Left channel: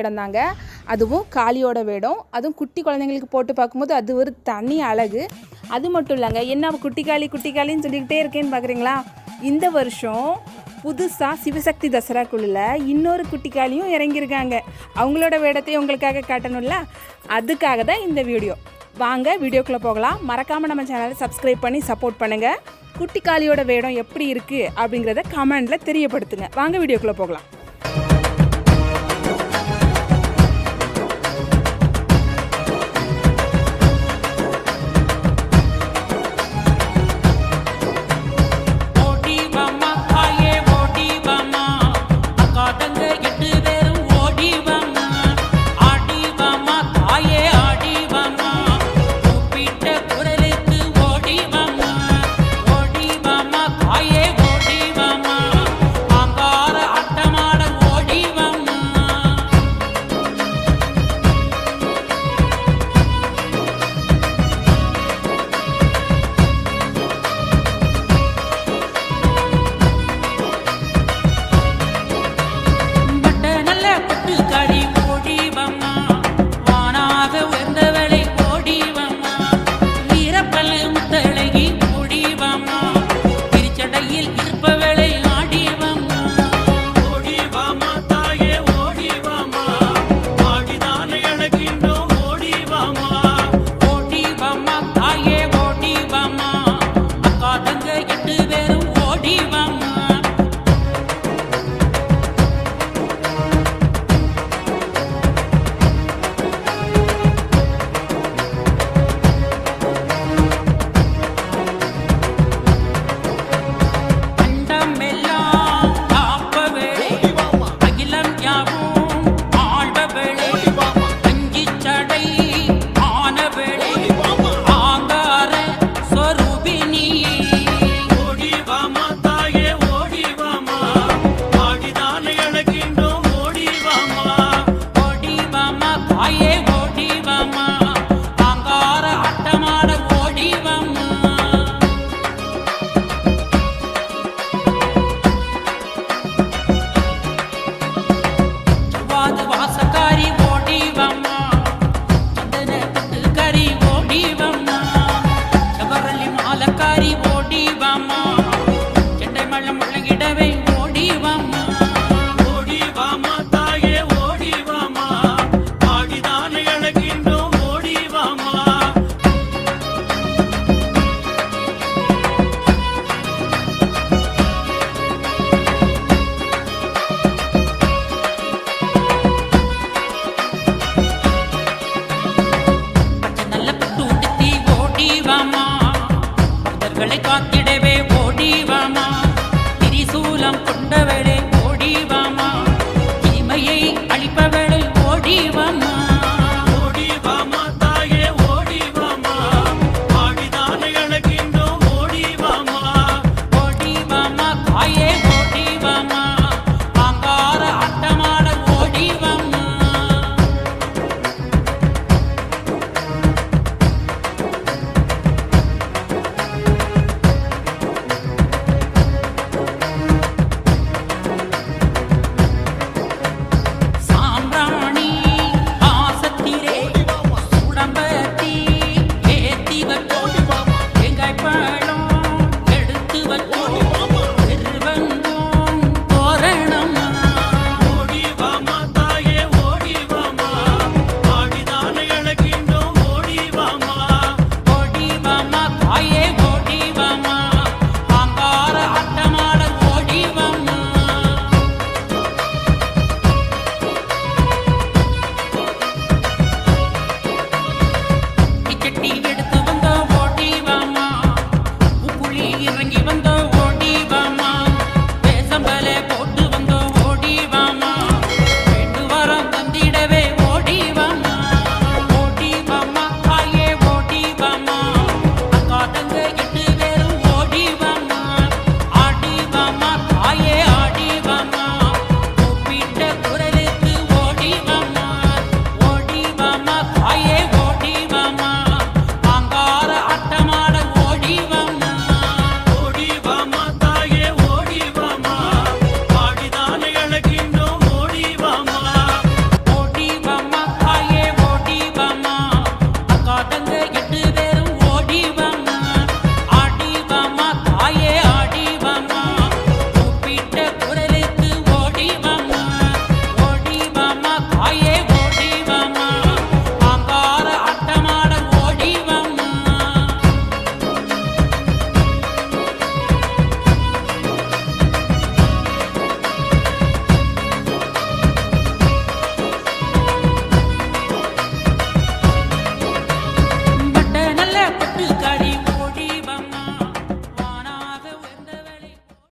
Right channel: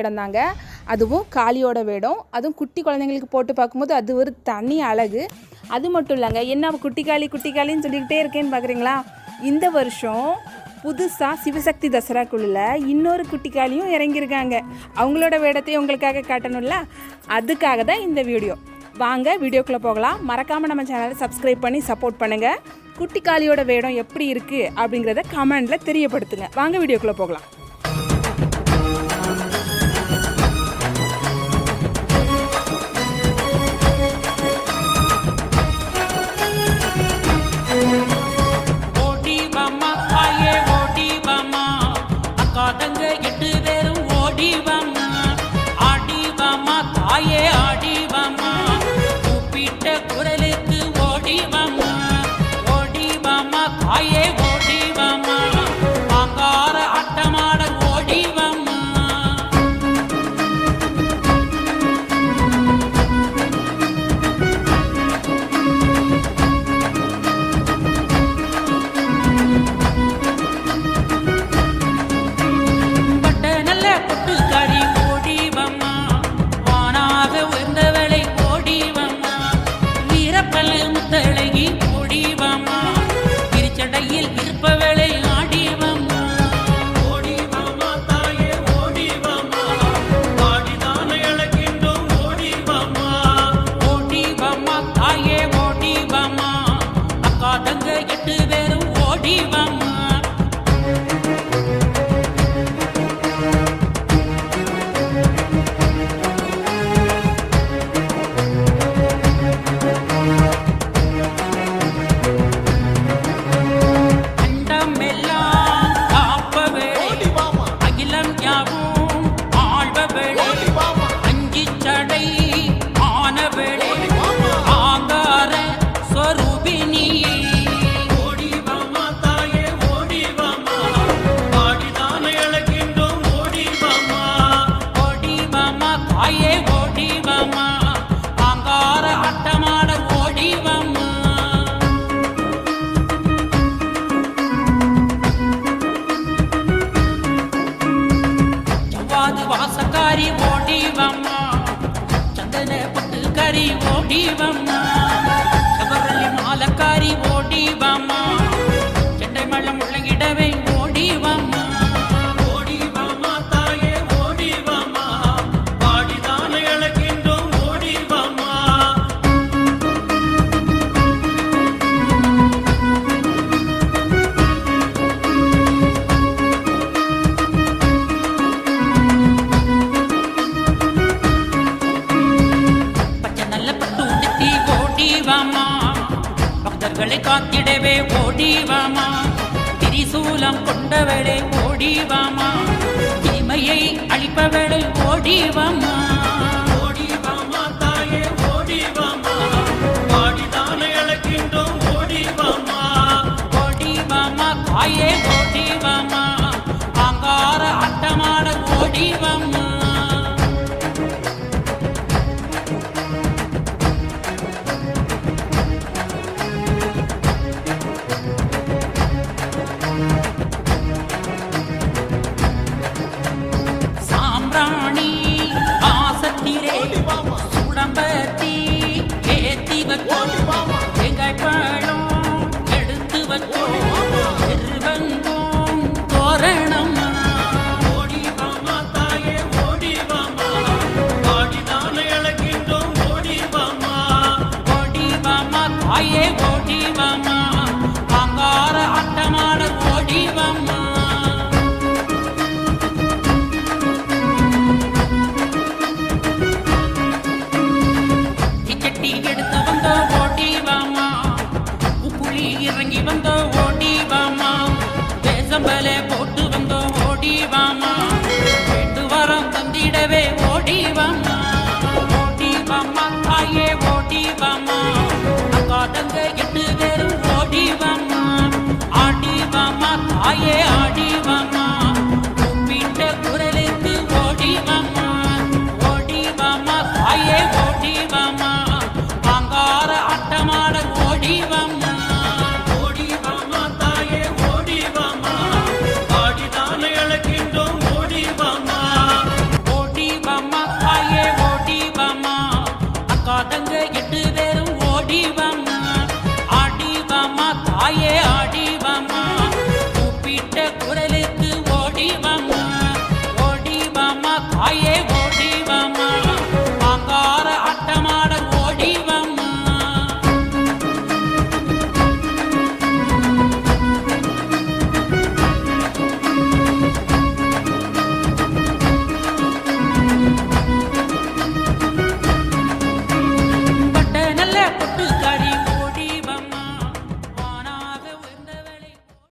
வேடம் தாங்க அதுவும் காளியோட வேடம். அதுவும் குட்டி குழந்தைங்களுக்கு போட்டு பார்க்கும்போது அது ஒரு தனி அழகு. அது மட்டும் இல்லைங்க என்ன குட்டி காளி குட்டி காளின்னு சொல்லிக்கிட்டே இருக்கேன்னு பார்க்குறீங்களா இந்த வருஷம் புதுசாக சிவசக்தி தசரா குழுல இன்னொரு குட்டிக்காலியும் இறங்கியிருக்காங்க. அவங்களோட வேடத்தை உங்களுக்காக காட்டணும்ல? அதுக்காக தான் இந்த வீடியோ. வாங்க வீடியோக்குள்ளே போகலாம். மறக்காமல் நம்ம சேனலை சப்ஸ்கிரைப் பண்ணி சப்போர்ட் பண்ணுங்கள் குட்டிக்காளியோட வேடம் எப்படி இருக்குது அப்படிங்கிறத கமெண்டில் தெரியப்படுத்துங்க. வாங்க வீடியோக்குள்ளே போகலாம். அக்கா எட்டு பேரும் ஓடி வாமா தாயே ஆடி கூப்பிட்ட குரலுக்கு ஓடி வாமா தாயே நல்ல பொட்டுக்காரி செவ்வாது வாசக்காரி ஓடிவம்மா. சந்தன பட்டு கறி ஓடிவம்மா. ஓடிவாமா பக்தர்களை காத்திடவே ஓடிவாமா? திரிசூலம் கொண்டவளே ஓடிவாமா? தீமையை அழிப்பவளே ஓடிவாமா? காயே செம்பலே போட்டு வந்தோம் ஓடி வாமா. ரெண்டு வாரம் தந்திடவே ஓடி வாமா. ஓடி வாமா தாயே ஓடி வாமா. அக்கா தங்க எட்டு பேரும் ஓடி வாமா. ஆடி வாமா தாயே ஆடி வாமா. கும்பிட்ட குரலுக்கு ஓடி வாமா. ஓடி வாமா